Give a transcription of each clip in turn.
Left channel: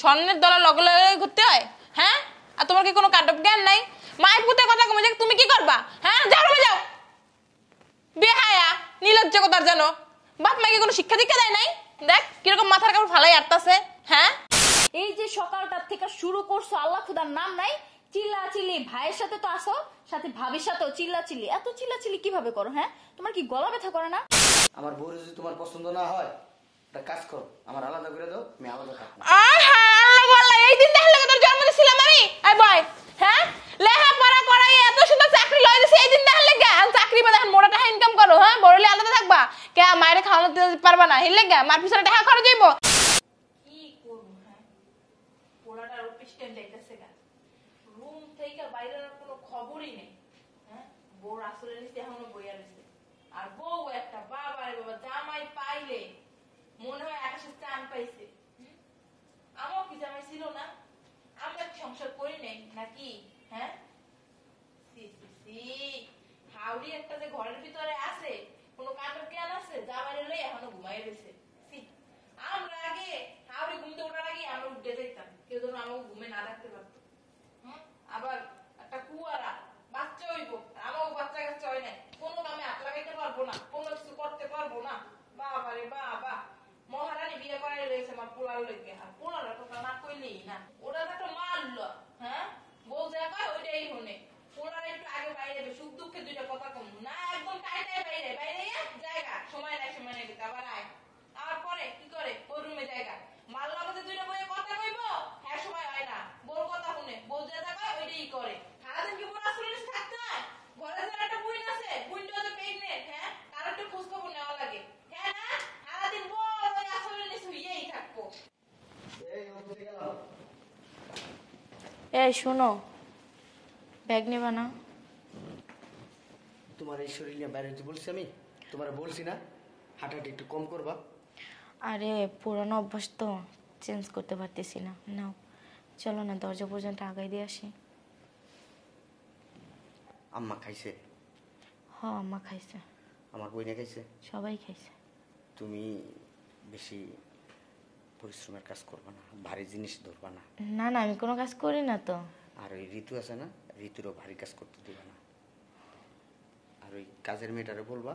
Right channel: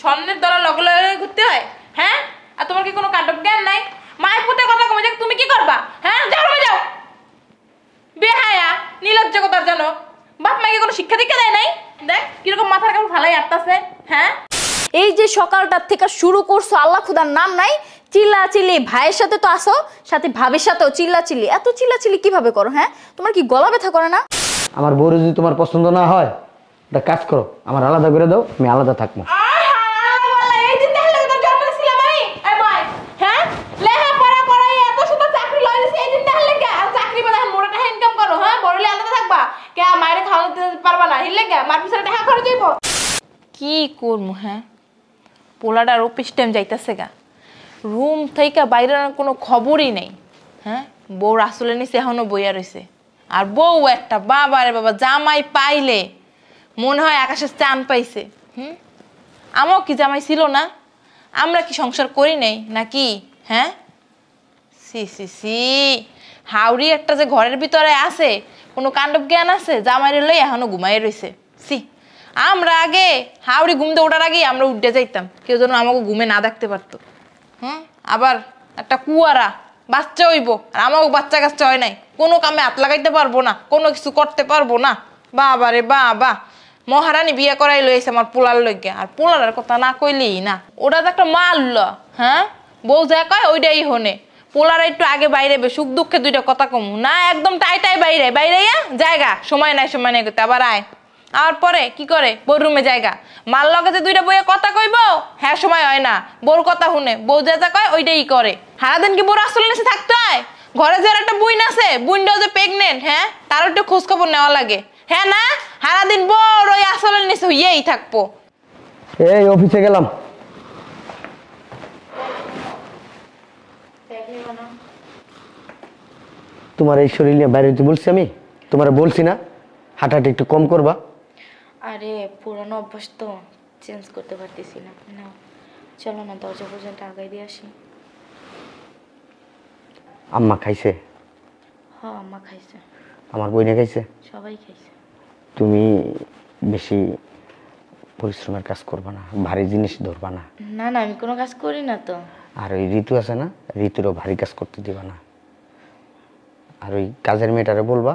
স্বর্ণের দলা লগে লগে ঘুরতে হয়? হ্যাঁ, আর তোমার কি কোনো কাণ্ড জ্ঞান নাই? মায়ের পুতে কথা কমে যে তুমি কি করবা? হ্যাঁ, যাও যাও। বেহায়া নির্লজ্জ কথার জানো, বাপ মাকে কোনো শিক্ষা দীক্ষা দেয় নাই? দেখ কিরকম মাথার কাপড় ফালাই আটতাছে। হ্যাঁ, এই যে সকালটার থেকে শুরু করছো, আল্লাহ খুদার নাম নাই, চিল্লা চিল্লি। ভাইয়ের সাথে তো আসো, সাথে ভাবির সাথেও চিল্লা চিল্লি। এত চিল্লা চিল্লি কিভাবে করো? হ্যাঁ, তোমার কি গলা ব্যথা করে না? আমার বউর যদি তোমার পছন্দ না হয়, একটা কাজ করো, আমার আলাদা করে দাও, আমি আলাদা থাকবো। কি করবো? হ্যাঁ, পোলাটার অফিস টাইম যাইতেছে গা, রুম থেকে বাইরে কোনো খবরই নেই। হ্যাঁ, বউ আসলে নিচে এখনো বইয়া রয়েছে। আর বউ একটা বাবা রে বাবা, জামাই পাইলে মনে হয় আকাশের চান পাইছে। আমাও কি জামাই ছিল না? আমরা কি সংসার করি নাই নাকি? হ্যাঁ, সি সি সি, হাওড়ি একটা যে ঘরের ভিতরে আছে, কোনো কাণ্ডব জ্ঞান আছে? জামাইরে লই এখনো ঘুমাই রয়েছে। সি, আমরা আগে হাওড়ি ঘুমতে ওঠার আগে আমরা উঠে যাইতাম, কেউ যেন আমাকে ঘুমে না দেখতে পারতো। আবার একটা কুয়ারা বাচ্চা হইব, আর আমাকে বাচ্চা কাচ্চা হয় নাই, কোনো কামে হাত লাগাইতে পারবো না, কোনো কিছু করতে পারবো না। বাবা রে বাবা, মহারানী বিয়ে করাই লইছে আমার পোলার লইগে। আর পোলার কথা না কইলেই না, ওটা তো একটা মাল। হ্যাঁ, বউ যা কয় ওইটাই হনে। পোলার একটু আগে বাইরে সুখ দুঃখে দুইটা কথা কমু না, একদম টাই টাই বাইরে বাইরে জায়গা, সময় নাই করতে। আবার আয় আর পরে কি করে, বউর রুমে জায়গা, মাল লগে যে দুইটা বইয়ে কথা কইব, হ্যাঁ সময় হয় না, বউর কথা শুনে। বউ যা যা কয় ওইটাই করে। সারাদিন কি বউর আসলে নিচে থাকতে হয়? ঘরে যে একটা বুইন আছে, বুইনটাও যে প্রেগনেন্ট, হ্যাঁ, তার একটু খোঁজ খবর নেওয়া লাগে। হ্যাঁ না, সারাদিন বড় ওই আসলের নিচে হইয়েই থাকবো। এই অফিসে গেলাম। এই শোনো, ব্যাগ নিবা না? তোমার এই শরীর নিয়ে বাইরে হইতে বলছি আমি? তোমার বলছি না হাঁটাহাঁটি একটু কম করবা? আরে পুরানো অভ্যাস তো চেঞ্জ করতে পারতেছি না। না চলো না, দরজা পর্যন্ত আগাই দিয়ে আসি। আম্মা খাইছে? হ্যাঁ, আম্মা খাইছে। আমার বইনে খাইছে? সবাই খাইছে। তুমি বেশি পরিশ্রমের কাজ করবা না, ভারী জিনিস ধরবা না। না না, আমি কোনো কাজ করি না তো। আর ওই ঋতু আছে না, ঋতুরও ভারী কাজ করতে দিবা না। আর ওই কাজের মেয়েটারে বলবা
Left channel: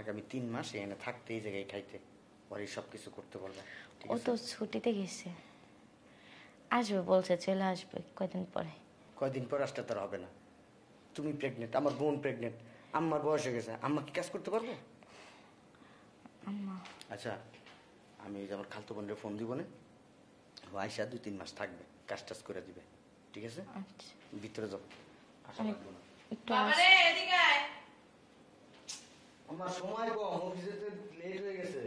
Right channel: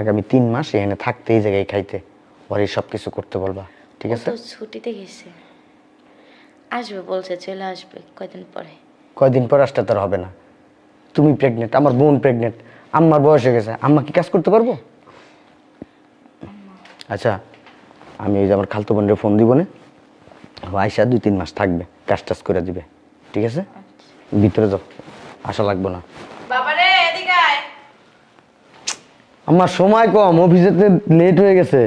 আগামী 3 মাস এখানে থাকতে, এই জায়গায় খাইতে, ওর এই সব কিছু করতে বলবা, ঠিক আছে? ছুটিতে গেছে, আসবে বলছে, চলে আসবে কয়দিন পরে। কয়দিন পর আসতে তার হবে না। তুমি প্রেগনেন্ট, আমার বোন প্রেগনেন্ট, আম্মার বয়স হয়ে গেছে, আম্মা কি কাজ করতে পারবো? আচ্ছা, আমি ওই যে আমার খালতো বোনের ফোন দিব না, আয়সা 2-3 মাস থাকবে, কাজ টাজ করে দিবে, ঠিক আছে? ভিতরে যাও, আসা লাগবো না। বাবারে এদিকে আয়। আমার সময় কম, অফিসেতে লেট হয়ে গেছে।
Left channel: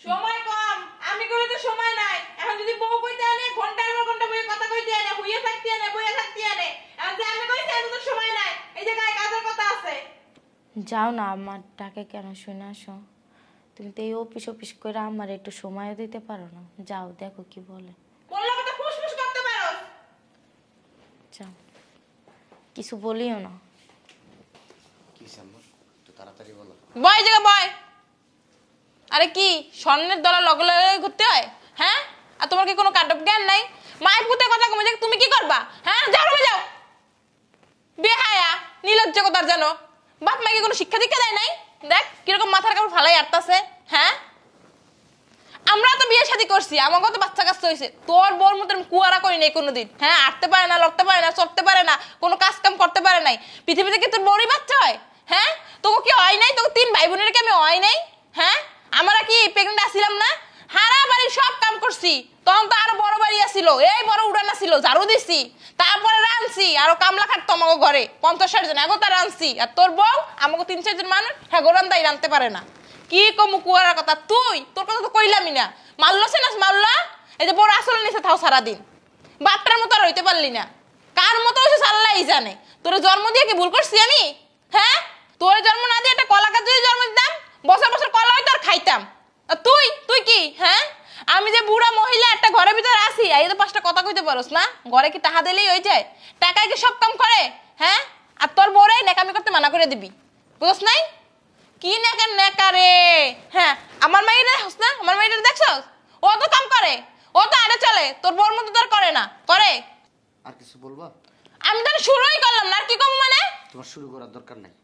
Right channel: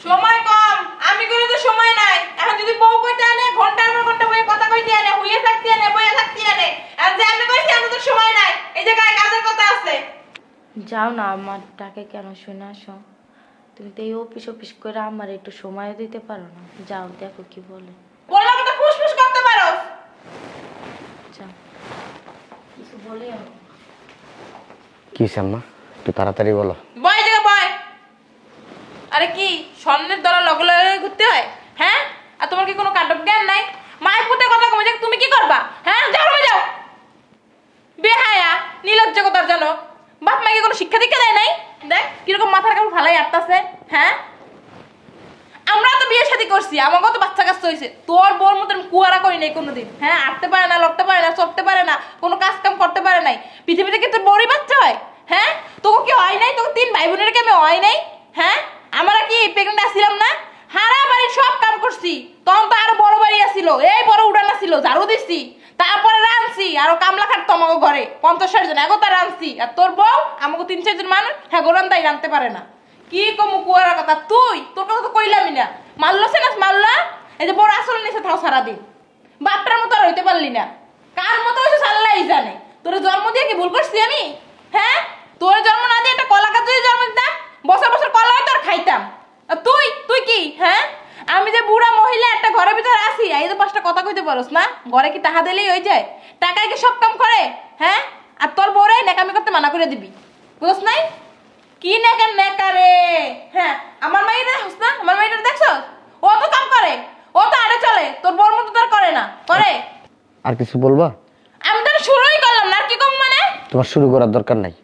সময় কম? আমি করে তো সময় নাই। এখন যদি বউ কইতে আনে, ঘন্টার পর ঘন্টা বইয়ে কথা কইতে আনে, হুইয়ে থাকতে আনে, বইয়ে থাকতে আনে। আর যে আমি কইছি আমি তো সময় নাই, এই জায়গায় কাজের কথা আছে। যাও না, আমার ডাকে কেন শুনে আসো? তুমি তো এই অফিস করে আমার একটু সময় দিতে পারো না? যাও, দেখো কি বলে। বললাম তো ফুসফুস করতে পারো। যাও, কিছু বলিও না। কি আম্মা, একটু তাড়াতাড়ি বলো। বয় জায়গা বয়। আরে কি স্বর্ণের দলা লগে লগে ঘুরতে হয়? হ্যাঁ, আর তোমার কি কোনো কাণ্ড জ্ঞান নাই? মায়ের পুতে কথা কমে যে তুমি কি করবা? হ্যাঁ, যাও যাও। বেহায়া নির্লজ্জ কথার জানো, বাপ মাকে কোনো শিক্ষা দীক্ষা দেয় নাই? দেখ কিরকম মাথার কাপড় ফালাই আটতাছে। হ্যাঁ, আমরা তো বিয়ে শাদী করছি, আমাকেও তো বাচ্চা কাচ্চা হয়েছে। তোর বোর মতন কুয়ারা করি নাই কোনোদিন। হ্যাঁ, আটতে পারে না, লড়তে পারে না, চড়তে পারে না, কোনো কাজ কাম করতে পারে নাই। পৃথিবীতে কি তোর বড়ই বাচ্চা হয়? হ্যাঁ, তোকে কি হয় নাই? তোকে 3 ভাই বোনের কি আমি হয় নাই? হ্যাঁ, আমরা কি প্রেগনেন্ট আসছিলাম না? হারা বাড়ির সব কাম করছি, তখন তো আরো বড় বাড়ি আসছিল, এই বড় উড়ান আসছিল, ঝাড়ু দিছি, তারপরে রাঁধছি, আরো কামলা খাটতো আমাকে ঘরে 50-60 জন, এখন তো রাঁধছি। আর তোর বউ আমাকে 3-4 জন মানুষ, হ্যাঁ গোরান তাই রাঁধতে পারে না। কি কমু কুয়ার কথা? তুই তোর কথা তো কইলামই না। মারলছে না মারলা, এই যে বড় আসলে নিচে থাও সারাদিন, বাপটার মতো আর হইতে পারলি না। কার মতো হয়েছে সাল্লাই জানে। তোর জন্ম দিয়ে কি ভুল করছি আমি? হ্যাঁ, তোর জন্ম না দিয়ে একটা কলা গাছ জন্ম দিতাম, বছর বছর কলা হইতো আর খাইতাম। আর তুই তুই কি? হ্যাঁ, আমি যে বুড়া মহিলা একটা ঘরের ভিতরে আসি, এই তো 5টা কথা কইতে পারোস না? ঘরে কি টাকা দিলেই হয়ে যায়? টাকায় কি সব কাম করে? হ্যাঁ, আর তোর বউরে নেকামি করতে মানা করে দিবি, বুঝছ নাই? কি নেকা রে? হ্যাঁ, আমার মেয়েটা দেখছ না? আমার মেয়েটা দেখছ? ও তো কাম করে, ও ও তো আরে চলে, তোর বউর মতো তোর করে না, করে। আর কিছু বলবা? আমি তো শুরুই করলাম না, আর কি কম মানে? তোমার শুরু করার দরকার নাই।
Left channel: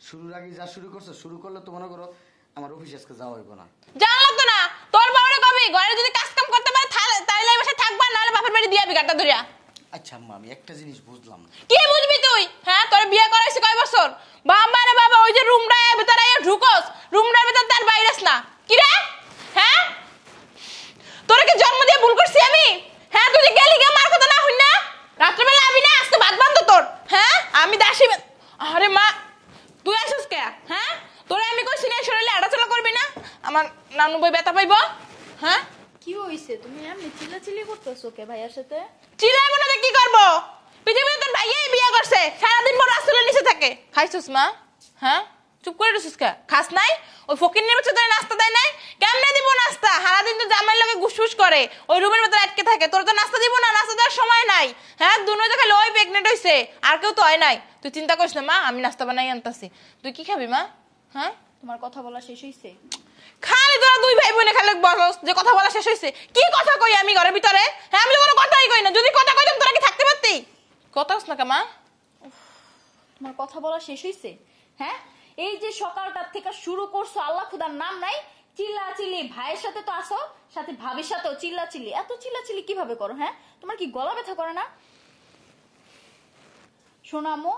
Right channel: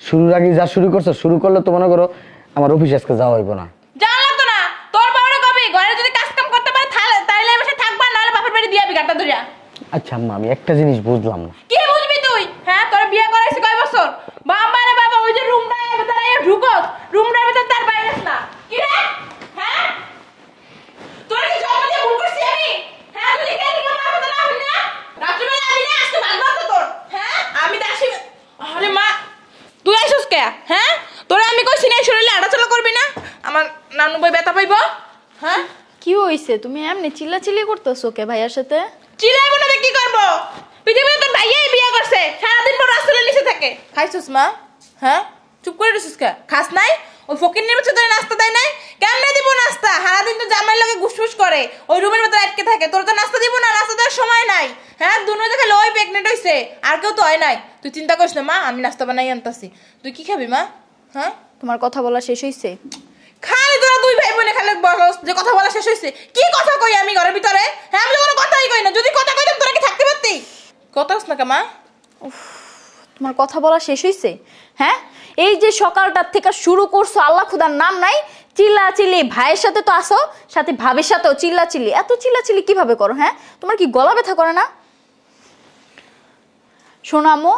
শুরুর আগে যা শুরু করছো, শুরু করলে তো মনে করো আমার অফিসে আজকে যাওয়া হইব না। জানলা তো না, তোর বাবারে কবি ঘরে যদি কাজ কাম করতে পারে তাইলে এই বাসায় থাকবা, নাহলে বাপের বাড়ি দিয়ে বিঘাটা ধরিয়া। আচ্ছা আম্মা, আমি একটা জিনিস বুঝলাম না। কি বুঝবি তুই? হ্যাঁ, তোর বিয়ে করাইছিস কয় বছর? বাবা রে বাবা, ওই যে রুমটা ভিতরে ঢুকোস, রুমটার ভিতর তার বাইরেস না। কি রে? হ্যাঁ, তোর কি জন্ম দিয়ে ভুল করছি আমি? হ্যাঁ, তুই গেলি গে মার কথা না হই না? রাত্রিবেলা আমি না আজকে ভাত বানতো তোর। হ্যাঁ, আমি দাসি। আরে মা, তুই আইসস কে? হ্যাঁ, তোরে আমি কইছি না শরীরে আড়াচলা করবি না, আমার নানু বই ব্যথা পাইবো। হ্যাঁ, কি হইছে? তুমি এমনি চিল্লাচিল্লি করতেছো কে ভাইয়ার সাথে? চিল্লাইবো না, কি করবো? পৃথিবীতে তোর ভাইয়াই বিয়ে করছে, সারাদিন পর রাস্তার নিচে থাকে। খাইছিস মা? হ্যাঁ, চুপ করে রইছিস কে? খাস নাই? ওই ফকির নিয়ে তোদের নাস্তা দেয় নাই? কেমনে দিব নাস্তা? সারাদিন তো জামাইয়ের লগে গুসফুস করে, ওই রুমের ভিতরে আটকে থাকে। তোর তো নাস্তা দিব না, নাস্তা দেওয়ার সময় নাই। হ্যাঁ, দুনো তো খালি ওই প্রেগনেন্ট হইছে, আর কেউ তো হয় নাই। তুই চিন্তা করিস না মা, আমি নাস্তা বানাই আনতাছি। তুই কি খাবি মা? হ্যাঁ, তোমার কথা বলা শেষ হইছে? খালি তোরা দুই ভাই বোনে খালি বলস যে কথা বলা শেষ হইছে। কি কথা কই আমি ঘরের ভিতরে? হ্যাঁ, আমি তো কোনো কথাই কই না। যদি কথা কইতাম তোরা কি থাকতে পারতি? কথা কস না কে মা? তোমার কথা বলা শেষ হইছে? হ্যাঁ, এই যে সকালটার থেকে শুরু করছো, আল্লাহ খুদার নাম নাই, চিল্লাচিল্লি। ভাইয়ের সাথে তো আসো, সাথে ভাবির সাথেও চিল্লাচিল্লি। এত চিল্লাচিল্লি কিভাবে করো? হ্যাঁ, তোমার কি গলা ব্যথা করে না? শোনো আম্মু,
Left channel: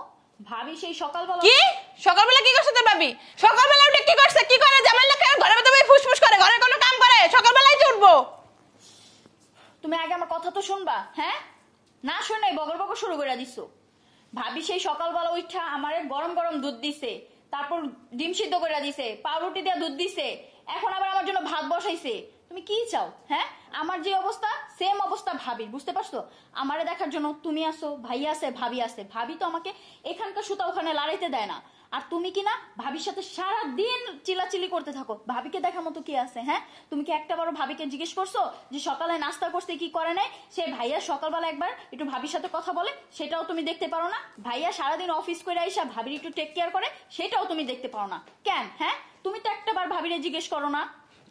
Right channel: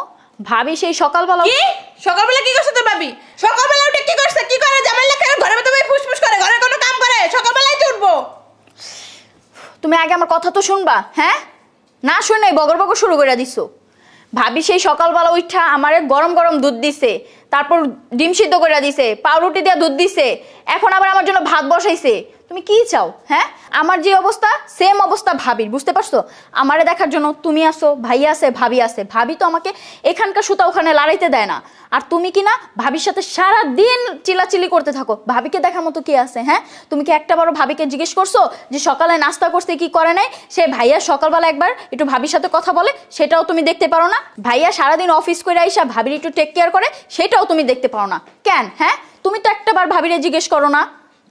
ভাবি সেই সকালবেলা কি সকালবেলা কি করছ তোর ভাবি? সকালবেলা উঠে কি করছে? কি করে? জামাই লেখা ঘরের ভিতরে ফুসফুস করে, ঘরের কোনো কাম করে? সকালবেলায় উঠবো। তুমি আগে আমার কথা তো শুনবা। হ্যাঁ, না শুনে বগর বগর শুরু করে দিছো। ভাবি সেই সকালবেলা উঠা আমারে গরম গরম দুধ দিছে, তারপর ডিম সিদ্ধ করে দিছে, পাউরুটি দিয়ে দুধ দিছে, এখন আবার আমার জন্য ভাত বসাইছে। তুমি কি চাও? হ্যাঁ, আমার যে অবস্থা সেম অবস্থা ভাবির, বুঝতে পারছো? আমারে দেখার জন্য তুমি আসো, ভাই আছে, ভাবি আছে। ভাবি তো আমাকে এখানকার সুতা ওখানে লড়াইতে দেয় না, আর তুমি কি না ভাবির সাথে সারা দিন চিল্লাচিল্লি করতে থাকো। ভাবিকে দেখার মতো কি আছে? হ্যাঁ, তুমি কি একটা বারো ভাবিকে জিজ্ঞেস করছো যে সকালে নাস্তা করছে কি করে নাই? সে ভাইয়া সকালবেলা একবার একটু ভাবির সাথে কথা বলে, সেটাও তুমি দেখতে পারো না। ভাইয়া সারাদিন অফিস করে আইসা ভাবির একটু টেক কেয়ার করে, সেটাও তুমি দেখতে পারো না কেন? হ্যাঁ, তুমি তো একটা বার ভাবিরে জিজ্ঞেস করো না।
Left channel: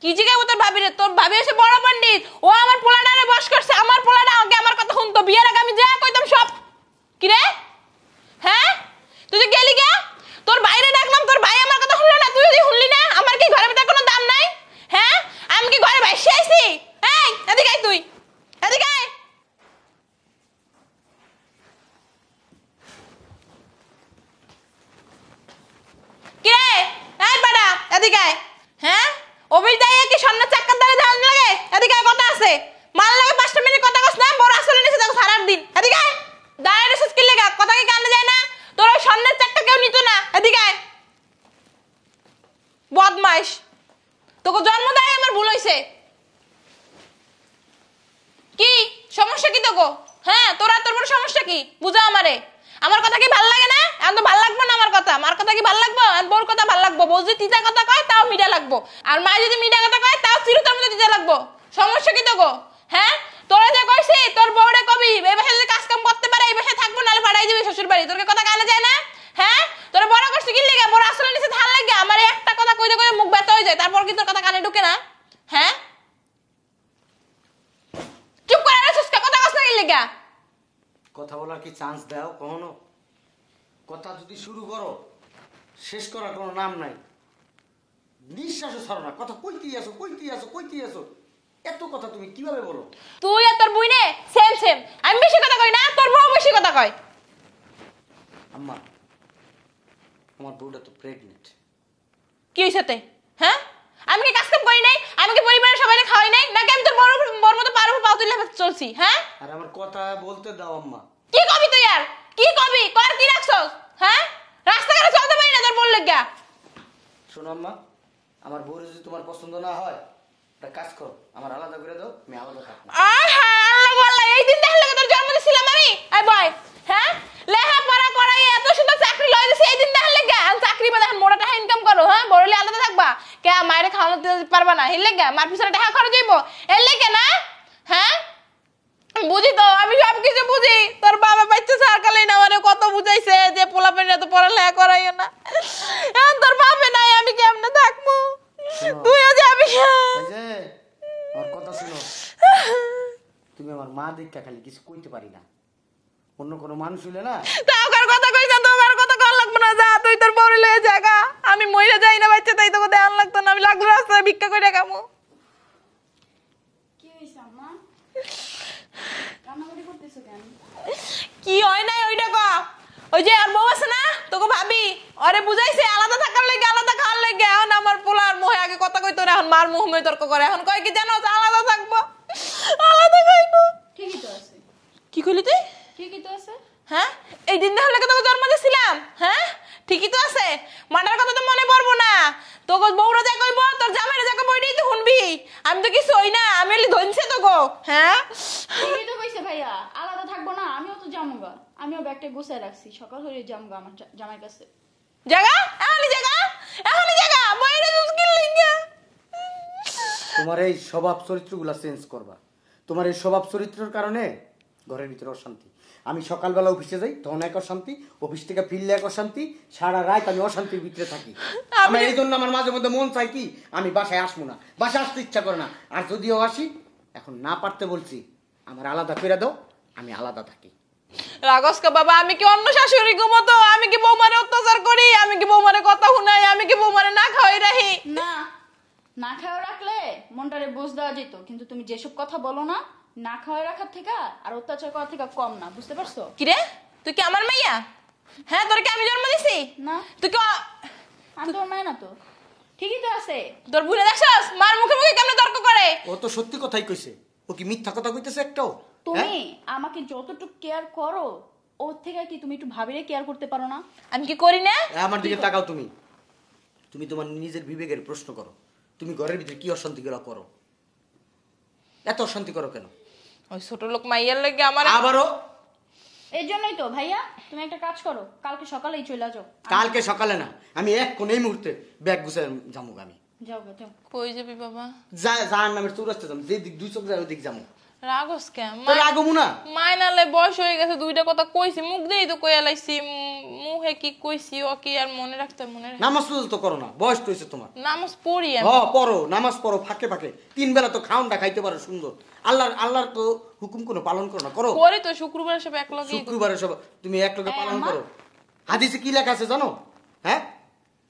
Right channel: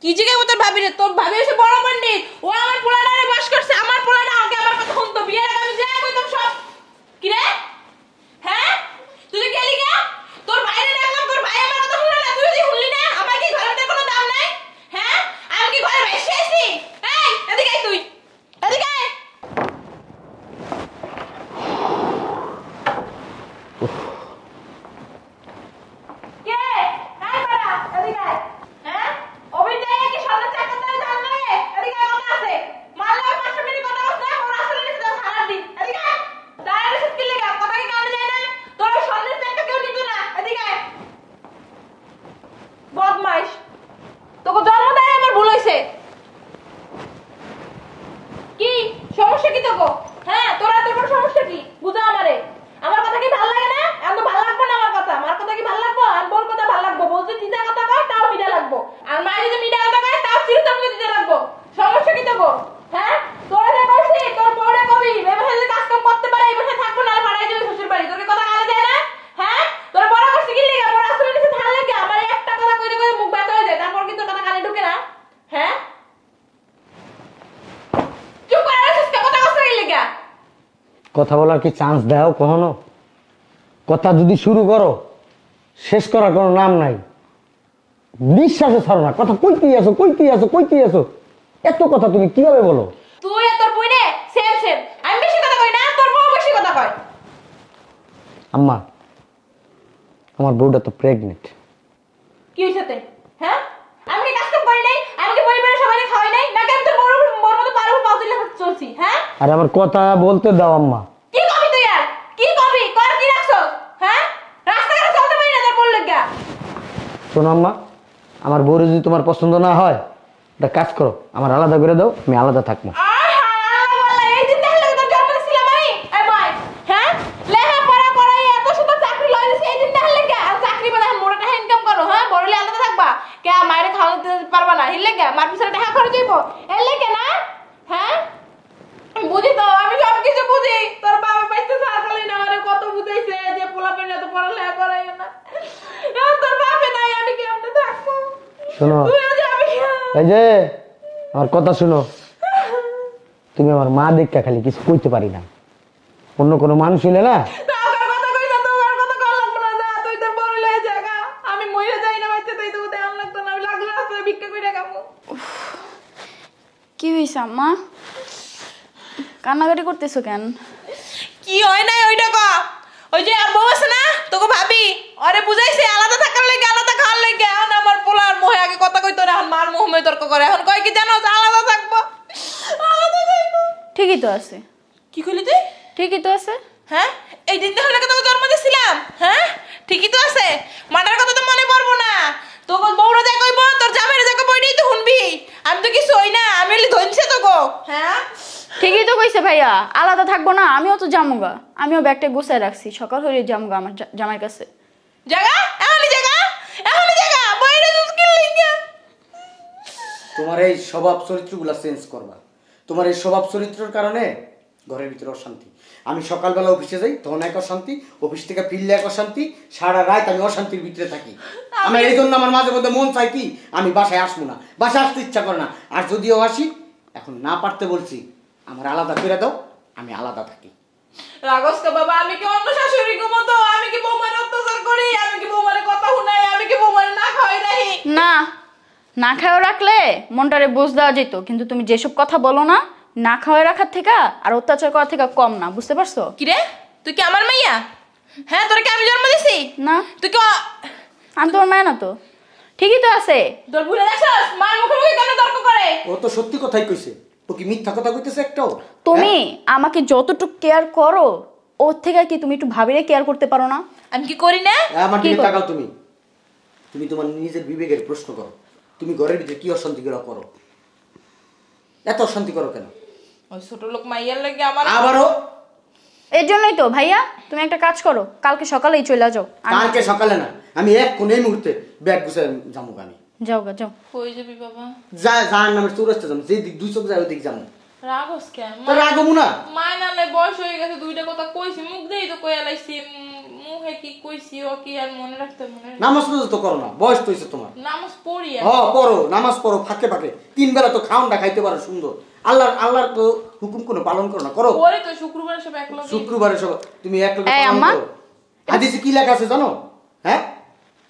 কি জিগাবো তোর ভাবি? তোর ভাবি এসে বড় পণ্ডিত, ও আমার পোলাটারে বস করছে। আমার পোলাটা আগে আমার কথা শুনতো, বিয়ের আগে আমি যা কইতাম সব। কি রে? হ্যাঁ, তুই যে গেলি গে, তোর বাইরে ডাকলাম, তোর ভাই আমার কথা শুনলো না, তুই যদি শুনলি না। আমার কি ঘরের ভিতরে কোনো দাম নাই? হ্যাঁ, আমি কি ঘরে বাইসে আইছি? এই এদিকে আয়, তুই এদিকে আয়। কে? এই পাড়া, এদিকে আয়। হ্যাঁ, অবির দাইয়া কি সামনে চাক্কার দ্বারা ধান লাগে? এদিকে আয়, কথা আছে। মাল লাগে 5 মিনিট কথা কস না, বড় আসলে নিচে দাও সারা দিন। এদিকে আয়, দাঁড়ায় রেছিস কি লাগা? কথা কি কানে যায় না? তোর ওই সামনের চাক্কা কেউ নিত না। এদিকে আয়, বদমাইশ। তোকে জন্ম দেয় আমার ভুল হইছে। কি সমস্যা কি তোকে? হ্যাঁ, তোর বড় সমস্যা কি? বুঝা আমারে। আমার কথা কি ভালো লাগে না? এখন তো ভালো লাগবে না আমার কথা। মার কথা কি ভালো লাগবে? আর বোর কথা ভালো লাগবে। বউ যদি তিতা কথা কয় তাও মিঠা লাগবো, আর মা যদি মিঠা কথা কয় তাও চিরুতার মতো দিতে লাগবো। সমস্যা কি তোকে? হ্যাঁ, তোরা যে কইছি তোর বউরে কবি এই বাসায় যদি কাজ কাম করতে পারে এই বাসায় থাকবো, না পাঠাই দিবে শ্বশুর বাড়ি। তোর কি কথা কানে যায় না? হ্যাঁ, তোরা বড় করছিস কি লিগা? বড় আসলে নিচে ধান লাগে। আমার একটা কথা কইতে কইতে মুখ ব্যথা হয়ে যায়, তারপর কি তোর কথা কানে ঢোকে না? হ্যাঁ, চুপ করে আছিস কে? কথা কইছিস কি লিগা? কথা বলার কি চান্স দাও কখনো? কথা যদি শুরু করো, শেষ করার কোনো নাম নাই। নিঃশ্বাসও ছাড়ো না, কথা কইতেই আসো, কইতেই আসো, কইতেই আসো। এত কথা তুমি কিভাবে বলো? তুই আর তোর বইনে সেম সেম। আমি বেশি কথা কই না, তোর বউ বেশি কথা কয়। আম্মা, আমার বউটা তো প্রেগনেন্ট। কি হইছে তে? হ্যাঁ, আমি কি কাজ কাম করি নাই? আমি কি পরিবারের সবাইকে খাওয়াই নাই? নাকি আমি তোর বউর মতো পারবো পাও তুলে চলছি? হ্যাঁ, আর আমার কথা বলতে দাও আম্মা। কি কবি তুই? আর কি কবি? কর কি রাখছস? হ্যাঁ, রাস্তাঘাটে চলতে পারি না তোর বল লাগা। শোনো আম্মা, আমার বউ যদি তোমার পছন্দ না হয়, একটা কাজ করো, আমার আলাদা করে দাও, আমি আলাদা থাকবো। আহা, আল্লাহ বল্লা, এই দিন দেখলে তোর জন্ম দিছিলাম আমি। আই বয়, হ্যাঁ, লেখা পড়া পড়াই এত সুন্দর চাকরি লই দিছি, এই দিন দেখলে কে? আর চাকরি মানে মোটা টাকা ইনকাম করো। হ্যাঁ, বড়লে আলাদা থাকবা কে? মায়ের খাওয়াতে পারবা না, হিলে কে? মার পিছনে টাকা খরচ হইব, এর লেগে না? হ্যাঁ, বুঝি তো, আমি সব কিছু বুঝি। তোর বাবা বাচ্চা সরকারই না আমারে কত বুঝাইছে যে পোলাপেন এত পড়ালেখা করাইও না। এখন তোর বাপে নাই, আমি কেমনে থাকবো? শোনো, তুইও যাবি। এই যে আমার কথা শুনো, তুমি আমার মা দেখা খালি কিছু কইতে পারি না, অন্য কোনো মানুষ হইলে না। তোর কথা কইছ, তোর কথা কল লাগবে না, যা তুই তোর বউরে লয়ে জায়গা। আমি মইরা যাই না বাচ্চা, তাই তোকে দেওয়ান লাগতো না, আমি লাগলো রাস্তায় ভিক্ষা কইরা খাবো। কি হয়েছে আম্মা? কান্নাকাটি করতেছো কেন? কি হয় নাই ওইটা ক। ওই যে আর বউ আছে না তোকে ভাবি, ওরে বুঝাইছে আলাদা থাকার লাগে, আলাদা খাওয়ার লাগে। এখন আমার পোলার মুহে আগে কথা কইতো না, এখন মার মুহে তর্ক করে। এখন কয় কি জানো, আলাদা থাকবো, আলাদা খাইবো। ঠিকই তো আছে। কি কইলি তুই? ঠিকই তো আছে। হ্যাঁ, এই দিন হলে তোকে জন্ম দিছিলাম। হ্যাঁ, ঠিকই তো আছে। মাটার কথা তো মনে পড়বো না। তোকে বউরা যা কইব, তোর জামাইরা যা কইব, ওইটাই তো শুনবি। আমি তো কিছু হই না, আমি এলি ধনছে তো গো। হ্যাঁ, ঠিকই তো কইছে ভাইয়া, আলাদা থাকবো না। আমিও তো জামুগা, আমিও ব্যাগটা গুছাই রাখছি, সকাল হয়ে জামুগা আমার জামাইয়ের কাছে। জায়গা এখনই জায়গা, এখনই জায়গা বইরে মুশকিল লিখা। তোমার এই স্বভাব চরিত্রগুলো চেঞ্জ করবা। তোমার এই স্বভাব চরিত্রের কারণে ঘরের ভিতরে অশান্তি। আমি সকালবেলা অফিসে যাই, তখন এক অশান্তি, অফিস থেকে ফিরলে এক অশান্তি, সারা রাত আমি অশান্তির ভিতরে থাকি। আমি এই জন্য আমার মাঝে মধ্যে মন চাই কি আমি বাসায় আসবো না, বাসায় আসতে ইচ্ছা করে না। আর যদিও আসি, এখন না পারতে বলছি আমার আলাদা করে দাও, আমি আলাদা থাকি। রাগস্কা বাবা, আমি কি অন্য শাশুড়ি মতো? আমি কি বৌমারে অত্যাচার করি? আমি কি বৌমারে কথা শুনাই? আমি কি বৌমারে না খাওয়াই রাখি? না, না খাওয়া রাখলে মনটারে বুঝ দেওয়া যেত, কিন্তু তুমি যেসব কথা বলো না, না খাওয়াই রাখার থেকে আর অত্যাচার করার থেকে কম না, বুঝতে পারছো? কি রে, তুই কি আমার মাইয়া? হ্যাঁ, তোরা কি আমি জন্ম দিছি? না, তুই কি আমি তোমার মায় না তো। ঠিকই তো আছে। তোর ভুলে দেখছস মার মুখে মুখে কেমন তর্ক করে? ও তো সত্যি কথাই কইছে, ও কি মিথ্যা কথা কইতেছে একটাও? তুমি আমাকে যতটুকু কেয়ার করো, ওর থেকে কি তুমি একটু ভাবিরে কেয়ার করতে পারো না? আমি কি করি না? আমার কি দিকে করো? তাকাও। তুমি তুমি তোমার নিজের বিবেকের প্রশ্ন করো। তুমি ঘরের ভিতরে কি অশান্তিগুলো করো? এত অশান্তি করো কেন? ওই ছোট লোক মাইয়ার লাগে আমার। আবারও এর জন্যই তো ভাইয়া, তুমি একটা কাজ করো, কালকে সকালেই চলে যাও। কালকে সকালে না, আমি এক কোন এই মুহূর্তে ব্যাগ গুছাই যাবো। আমি যাও গা, যাও। কই যাবি বাবা? যার নামের চৌরাস্তা যাবো, যে দিক দুই চোখ যায় ওই দিক যাবো। রাগস কেন? তাহলে আগমু না। মাইনালে বয়স হয়ে গেছে, দুইটা কথা কইছি, মুখ দিয়েই তো কইয়া লাইছি। মুখে কি কইছি ও কি আর মনে রাখতে নামাজ পড়তে তো করো না, বয়স তো হয়েছে তোমার। নামাজ পড়ি হ পড়ো, নামাজ পড়ো ফাঁকে ফাঁকে, 3 বেলা তো খাওনটা খাইতে পারো সুন্দর। আল্লাহর তো হুকুম কোনো পালন করো না, করো। পরে তো শুক্রবার সব এক লগে। শুক্রবারে সব তুমি এক লগে এই পালন আম্মা। করো। হাদিসে কি লেখা আছে জানো? হ্যাঁ,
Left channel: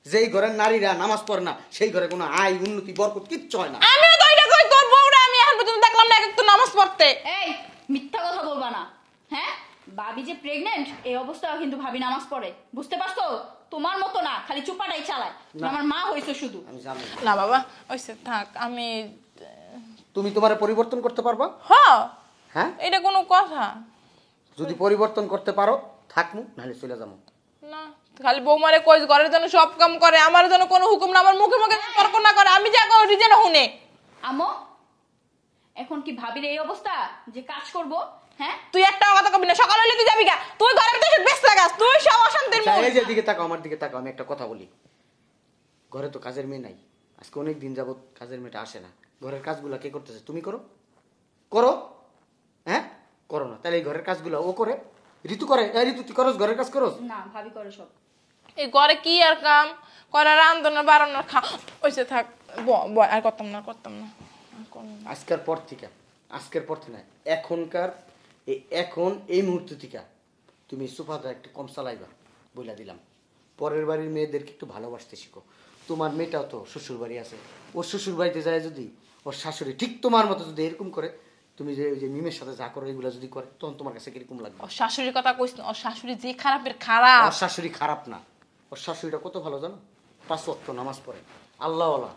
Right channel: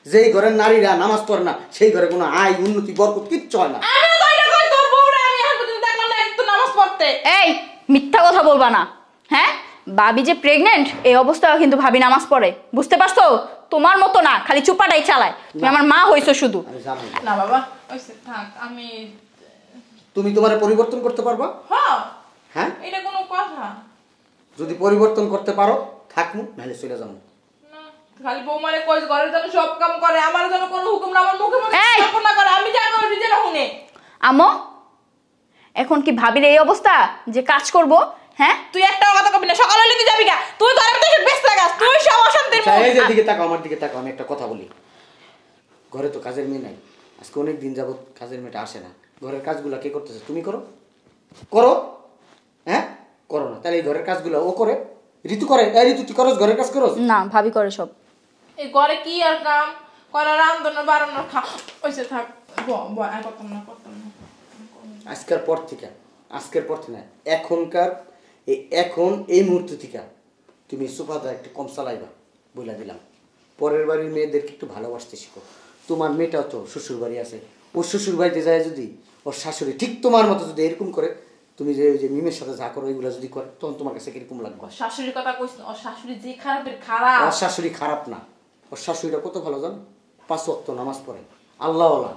যেই ঘরের নারীরা নামাজ পড়ে না, সেই ঘরে কোনো আয় উন্নতি বরকত কিচ্ছু হয় না। আমি তো এটা কই, তোর বউরা আমি এখন পর্যন্ত দেখলাম না একটু নামাজ পড়তে। এই মিথ্যা কথা বলবা না। হ্যাঁ, ভাবি যে প্রেগনেন্ট, এই অবস্থায় কিন্তু ভাবি নামাজ পড়ে, বুঝতে পারছো? তোমার মতো না, খালি চুপাটাই চালায়। তুমি আমার মা হইছো শুধু। আমি জানি না। না বাবা, ওইসে থাক। আমি তুমি তোমার পরিবর্তন করতে পারবা? হ্যাঁ, এটা কোনো কথা যদি পরিবর্তন করতে পারো থাকমু, নাহলে চলে যাবো। না? খালি বৌমারে কই ঘরের জন্য সব কাম করে, আমার জন্য কোনো হুকুম না, আমার মুখে মুখে এই! তর্ক না করে। আমি যাবো রিজেটা শুনে। আমো, এখন কি ভাবির এই অবস্থা যে কাজ করব? হ্যাঁ, তুই একটা কথা কবি না, সকালে হলে তুই যাবি গা। তুই ঘরের ভিতরে ব্যস্ত গাছ, তুই সব অশান্তির আচ্ছা, মুখ। এই যে দিকে তাকাও, আমার দিকে তাকাও, আমি একটা কথা বলি। ঘরে তো কাজের মেয়ে নাই, আজকে অনেক দিন যাবত কাজের মেয়েটা আসে না। ঘরের কাজগুলো কে করতেছে? তুমি করো? করো? হ্যাঁ, করো না, তাহলে এই ঘরের কাজগুলো ও করে? ঋতু করে? এই ঋতু তুই করস ঘরের কাজ করস? না, ভাবি করে সব। এই ঘরে কি আর কাম করে? রান্ধনা বাড়ানো খা, ওইসে থাক। আর করতাম না, করতাম না। আজকের পর থেকে না, এখনকার এখন এই মুহূর্ত থেকে তুমি সোফাটা একটু কম চালাইবা, বইলা দিলাম। পরের বাড়ির মেয়েদেরকে একটু ভালোবাসতে শিখো। তোমার মেয়েটাও তো শ্বশুর বাড়ি আছে, ওর শ্বশুর বাড়িতে যায় যদি ওর শাশুড়ি ঠিক তোমার মতো যদি এরকম করে, তুমি যে ওই যে মিমের সাথে যা করো ওইগুলো যদি করে, তখন তোমার কাছে কিরকম লাগবে? ওর শাশুড়ির কথা কইস না, ওর শাশুড়ি যে খারাপের খারাপ। ওর শাশুড়ি খারাপ না, ওর শাশুড়িটা কত ভালো জানো? 5 ওয়াক্ত নামাজ পড়ে, আল্লাহওয়ালা।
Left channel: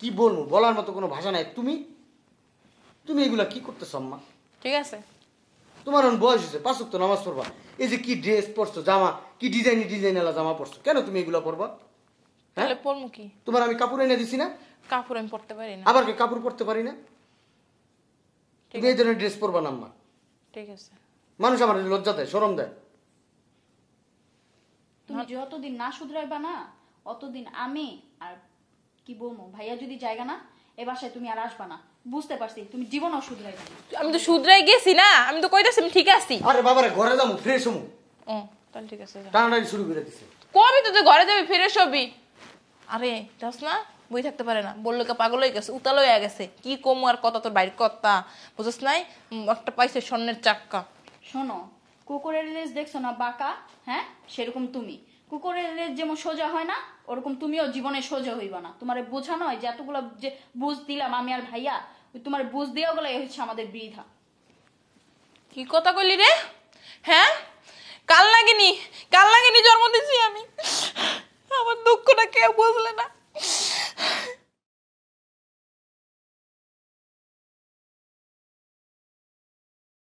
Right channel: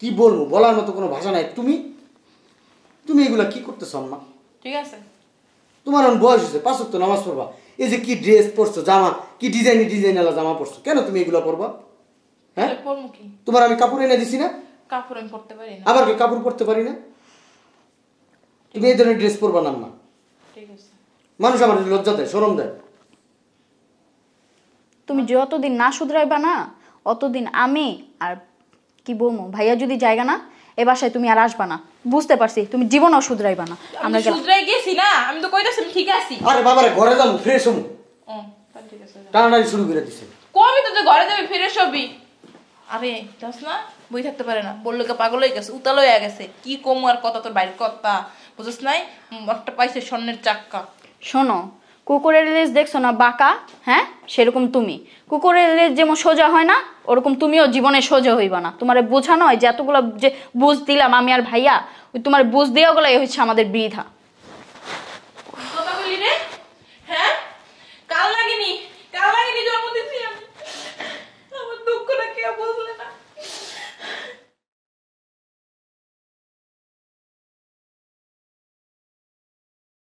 কি বলবো, বলার মতো কোনো ভাষা নাই। তুমি এগুলা কি করতেছ আম্মা? ঠিক আছে, তোমার এখন বয়স হয়েছে, 5 ওয়াক্ত নামাজ পড়বা। এই যে কি ড্রেস পরছো, জামা কি ডিজাইনালা জামা পরছো, কেন তুমি এগুলা পরবা? হ্যাঁ, তাহলে পড়বো কি? তোমার আমি কাপড় এনে দিছি না? কাপড় আমি পড়তে পারি না। আবার কি কাপড় পরতে পারি না? তুমি এই ধরনের ড্রেস পরবা না আম্মা। ঠিক আছে, মানুষ আমার লজ্জা দেয়, শরম দেয়। তুমি যতদিন না শুধরাইবা না, অতদিন আমি আর কি বলবো, ভাইয়া যদি জায়গা না, এ বাসায় তুমি আর আসবা না। বুঝতে পারছি, তুমি জীবনও শুধরাইবা না। আমি আমরা তো গেলাম। শুধরাই গেছি না, আমি তো কইতাছি আমি ঠিক আছি। আরে বাবারে, ঘরে যাবো, ফ্রেশ হবো। ও তাহলে ঠিক আছে, টানাটানি শুরু করে দিছে। কবি তো যে ঘরে যাবি ফিরে সবই। আরে যাস না, বই থাকতে পারে না, বললো কে পাগল হয়ে গেছে, উতাল হয়ে গেছে। কি কম আর কথা তোর বাড়ির কথা বুঝছ নাই? একটা পাইছে স্বর্ণের চাক্কা। শোনো, কুকুরের লেজ দেখছো না বাঁকা, হ্যাঁ সেরকম তুমি। কুকুরের লেজ যেমন সোজা হয় না, ওরকম তুমিও জীবনে সোজা হইবা না। তোমার বোঝানো হয় যে এতগুলো যে বুঝ দিলাম আমি আর ভাইয়া, ওই তোমার বুঝ দেওয়া গুলাই হচ্ছে আমাদের বৃথা।